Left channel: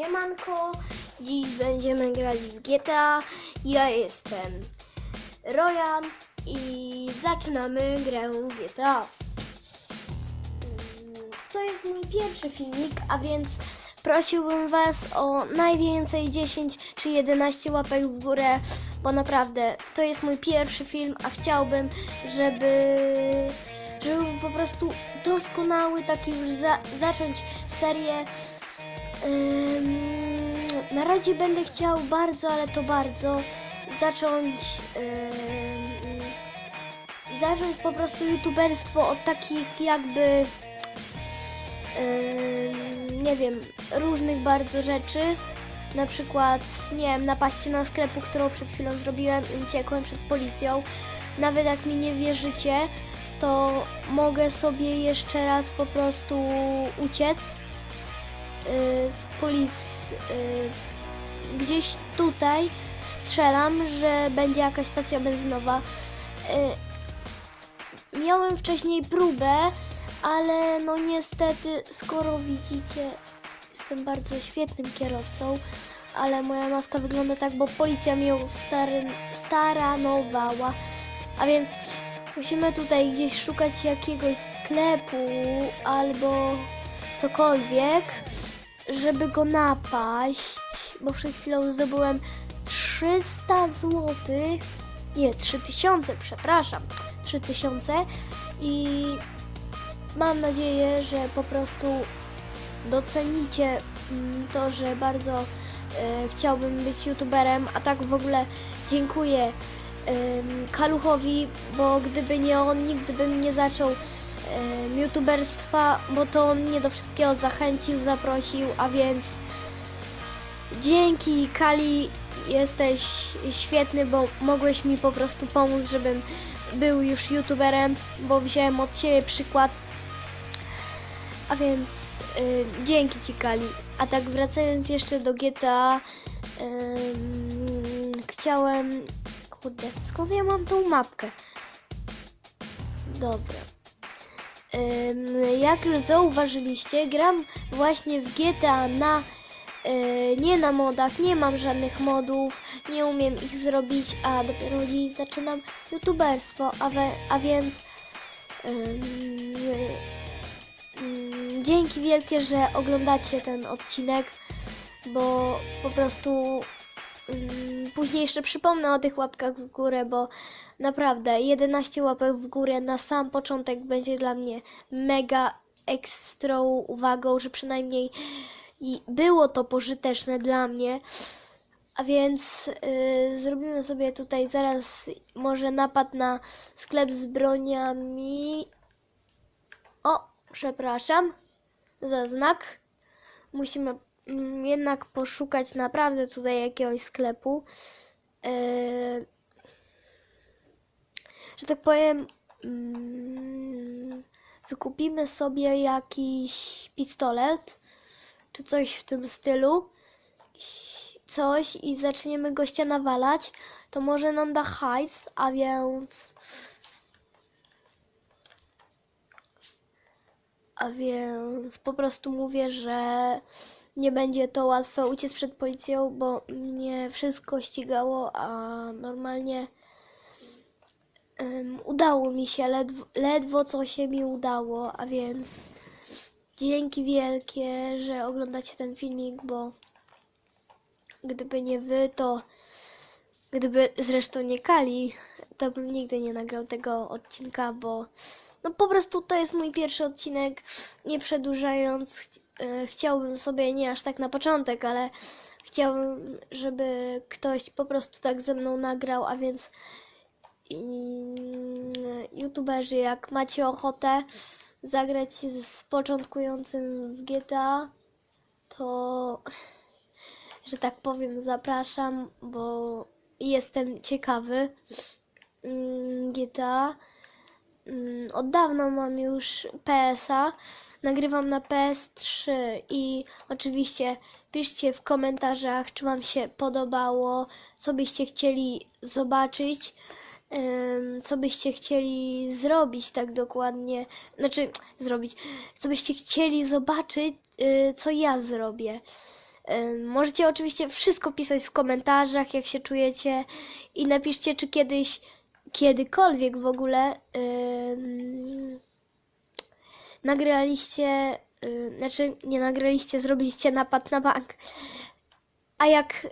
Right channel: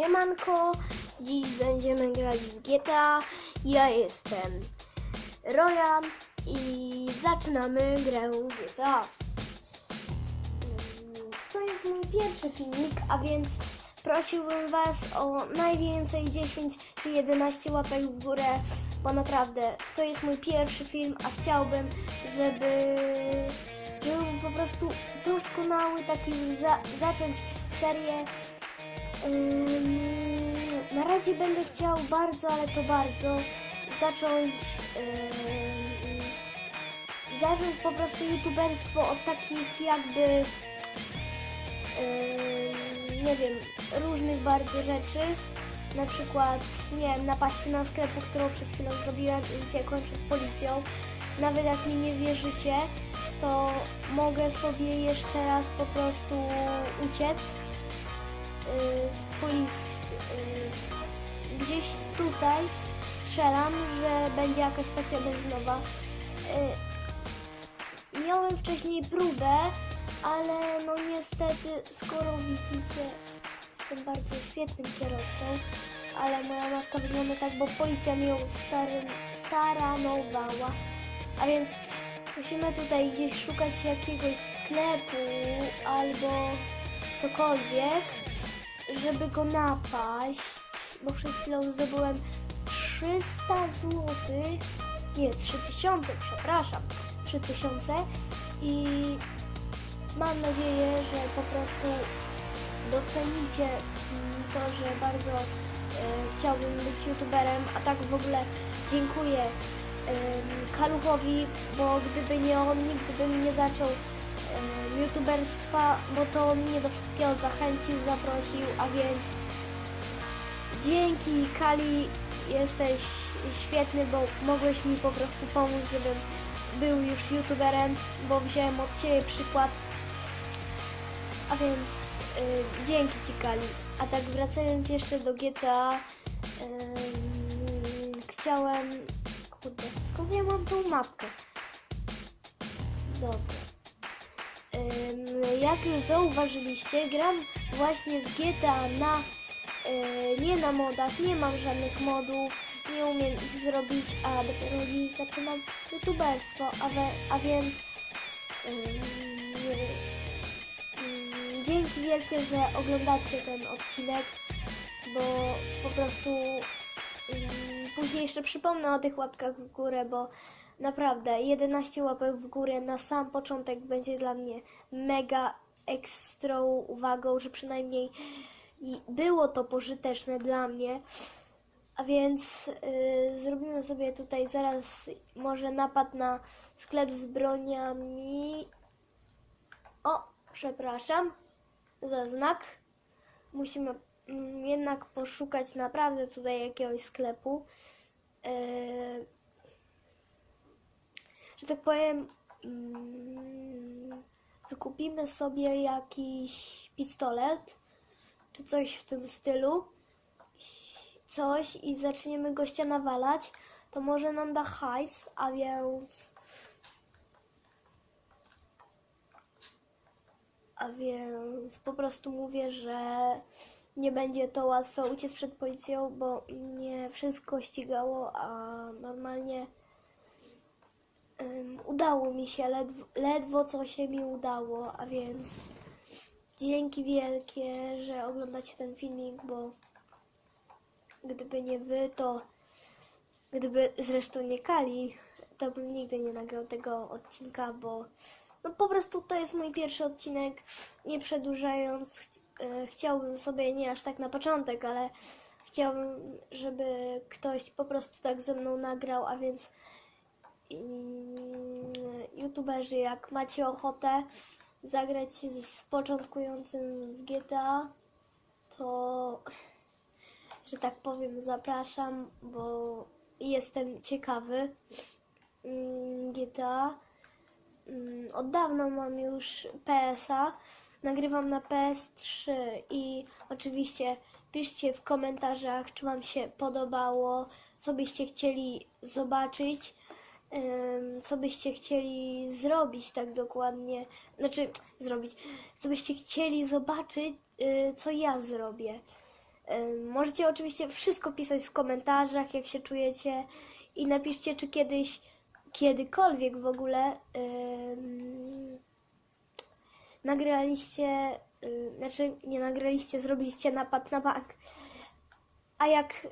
Siemanko, dziś będziemy grać w GTA. Ja jestem Rojan i zaczynamy grę GTA. To jest mój pierwszy filmik, a więc prosiłbym Was o najwięcej 10 czy 11 łapek w górę, bo naprawdę to jest mój pierwszy film, a chciałbym, żeby, żeby po prostu doskonały, taki już za, zacząć serię Ym, na razie będę chciał bardzo, ale to bardzo zacząć ym, zacząć po prostu youtuberstwo od takich jakby ym, nie wiem, różnych bardzo rzeczy. Na przykład, nie wiem, napaści na sklepu, którą przed chwilą zrobiłem i uciekłem przed policją. Nawet jak mi nie wierzycie, to mogę sobie jeszcze raz po prostu uciec policji y, gdzieś tutaj strzelam, że będzie jakaś stacja benzynowa. Y, Miałem wcześniej próbę, ale no niestety, skoro widzicie, jestem bardzo świetnym kierowcą, ale moja maska wygląda tak, bo policja mnie stary, staranowała. A więc musimy tutaj gdzieś szukać jakiegoś sklepu albo cokolwiek, żeby go napaść, bo przed chwilą zdobyłem 300 zł, nie, 3000, przepraszam, 3000 i mam nadzieję, że po prostu docenicie mm, to, że bardzo e, chciałbym być youtuberem, a tak w ogóle dziękuję em, Kaluchowi, bo gdyby nie on, nigdy bym nie zaczął youtuberstwa, bo to mnie do wszystkiego zachęcił, zaprosił, a więc dzięki Kali jesteś świetny, bo mogłeś mi po prostu pomóc, żebym był już youtuberem, bo wziąłem od Ciebie przykład. A więc dzięki Ci Kali. A tak wracając jeszcze do GTA, ym, chciałem... Kurde, skąd ja mam tą mapkę? Dobra. Jak już zauważyliście, gram właśnie w GTA na y, nie na modach, nie mam żadnych modów, nie umiem ich zrobić, a dopiero dziś zaczynam youtuberstwo, a, we, a więc ym, dzięki wielkie, że oglądacie ten odcinek, bo po prostu później jeszcze przypomnę o tych łapkach w górę, bo naprawdę 11 łapek w górę na sam początek będzie dla mnie mega ekstrą uwagą, że przynajmniej było to pożyteczne dla mnie. A więc y, zrobimy sobie tutaj zaraz może napad na sklep z broniami. O, przepraszam za znak. Musimy mm, jednak poszukać naprawdę tutaj jakiegoś sklepu. Y, że tak powiem, mm, wykupimy sobie jakiś pistolet czy coś w tym stylu, coś i zaczniemy gościa nawalać, to może nam da hajs, a więc... A więc po prostu mówię, że nie będzie to łatwe uciec przed policją, bo mnie wszystko ścigało, a normalnie em, udało mi się, ledwo, ledwo co się mi udało, a więc dzięki wielkie, że oglądacie ten filmik, bo gdyby nie wy, to gdyby zresztą nie Kali, to bym nigdy nie nagrał tego odcinka, bo no po prostu to jest mój pierwszy odcinek. Nie przedłużając, chci- e, chciałbym sobie nie aż tak na początek, ale chciałbym, żeby ktoś po prostu tak ze mną nagrał, a więc youtuberzy, jak macie ochotę zagrać z, z początkującym w GTA, to że tak powiem, zapraszam, bo jestem ciekawy mm, GTA. Mm, Od dawna mam już PS-a, nagrywam na PS3 i oczywiście piszcie w komentarzach, czy Wam się podobało, co byście chcieli zobaczyć, co byście chcieli zrobić tak dokładnie, znaczy zrobić, co byście chcieli zobaczyć, y, co ja zrobię. Możecie oczywiście wszystko pisać w komentarzach, jak się czujecie i napiszcie, czy kiedyś, kiedykolwiek w ogóle ym, nagraliście, y, znaczy nie nagraliście, zrobiliście napad na bank. A jak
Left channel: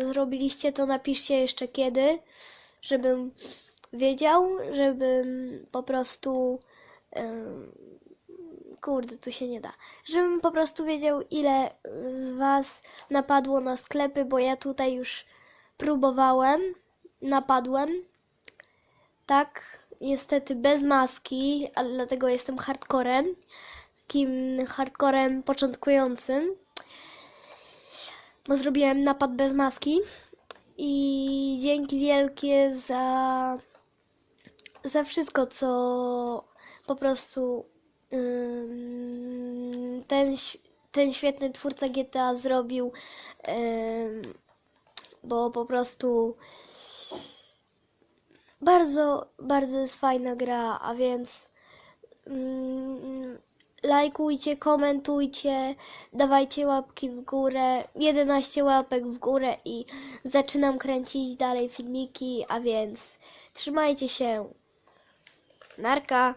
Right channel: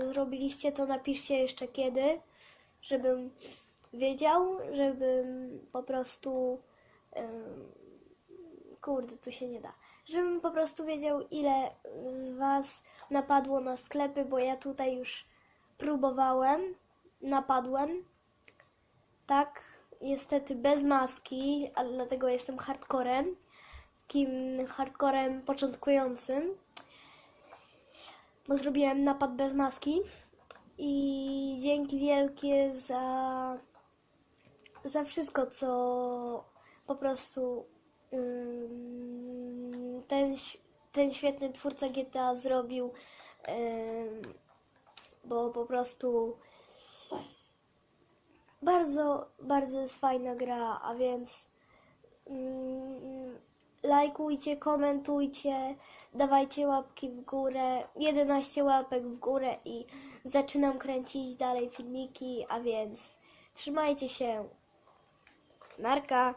y, zrobiliście, to napiszcie jeszcze kiedy, żebym wiedział, żebym po prostu. kurde, tu się nie da. Żebym po prostu wiedział, ile z Was napadło na sklepy, bo ja tutaj już próbowałem, napadłem. Tak, niestety bez maski, a dlatego jestem hardcorem. Takim hardcorem początkującym. Bo zrobiłem napad bez maski. I dzięki wielkie za, za wszystko, co po prostu ten, ten świetny twórca GTA zrobił. bo po prostu bardzo, bardzo jest fajna gra, a więc lajkujcie, komentujcie, dawajcie łapki w górę, 11 łapek w górę i zaczynam kręcić dalej filmiki, a więc trzymajcie się. Narka!